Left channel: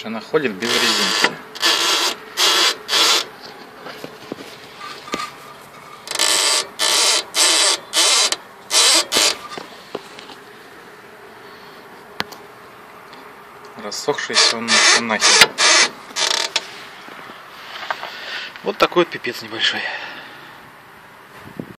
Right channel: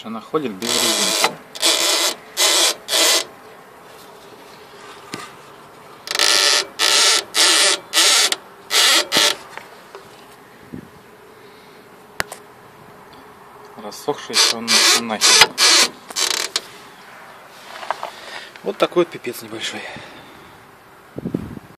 что она ходит без резинки. Рассохшийся он нахер. Вот такой вот пипец небольшой.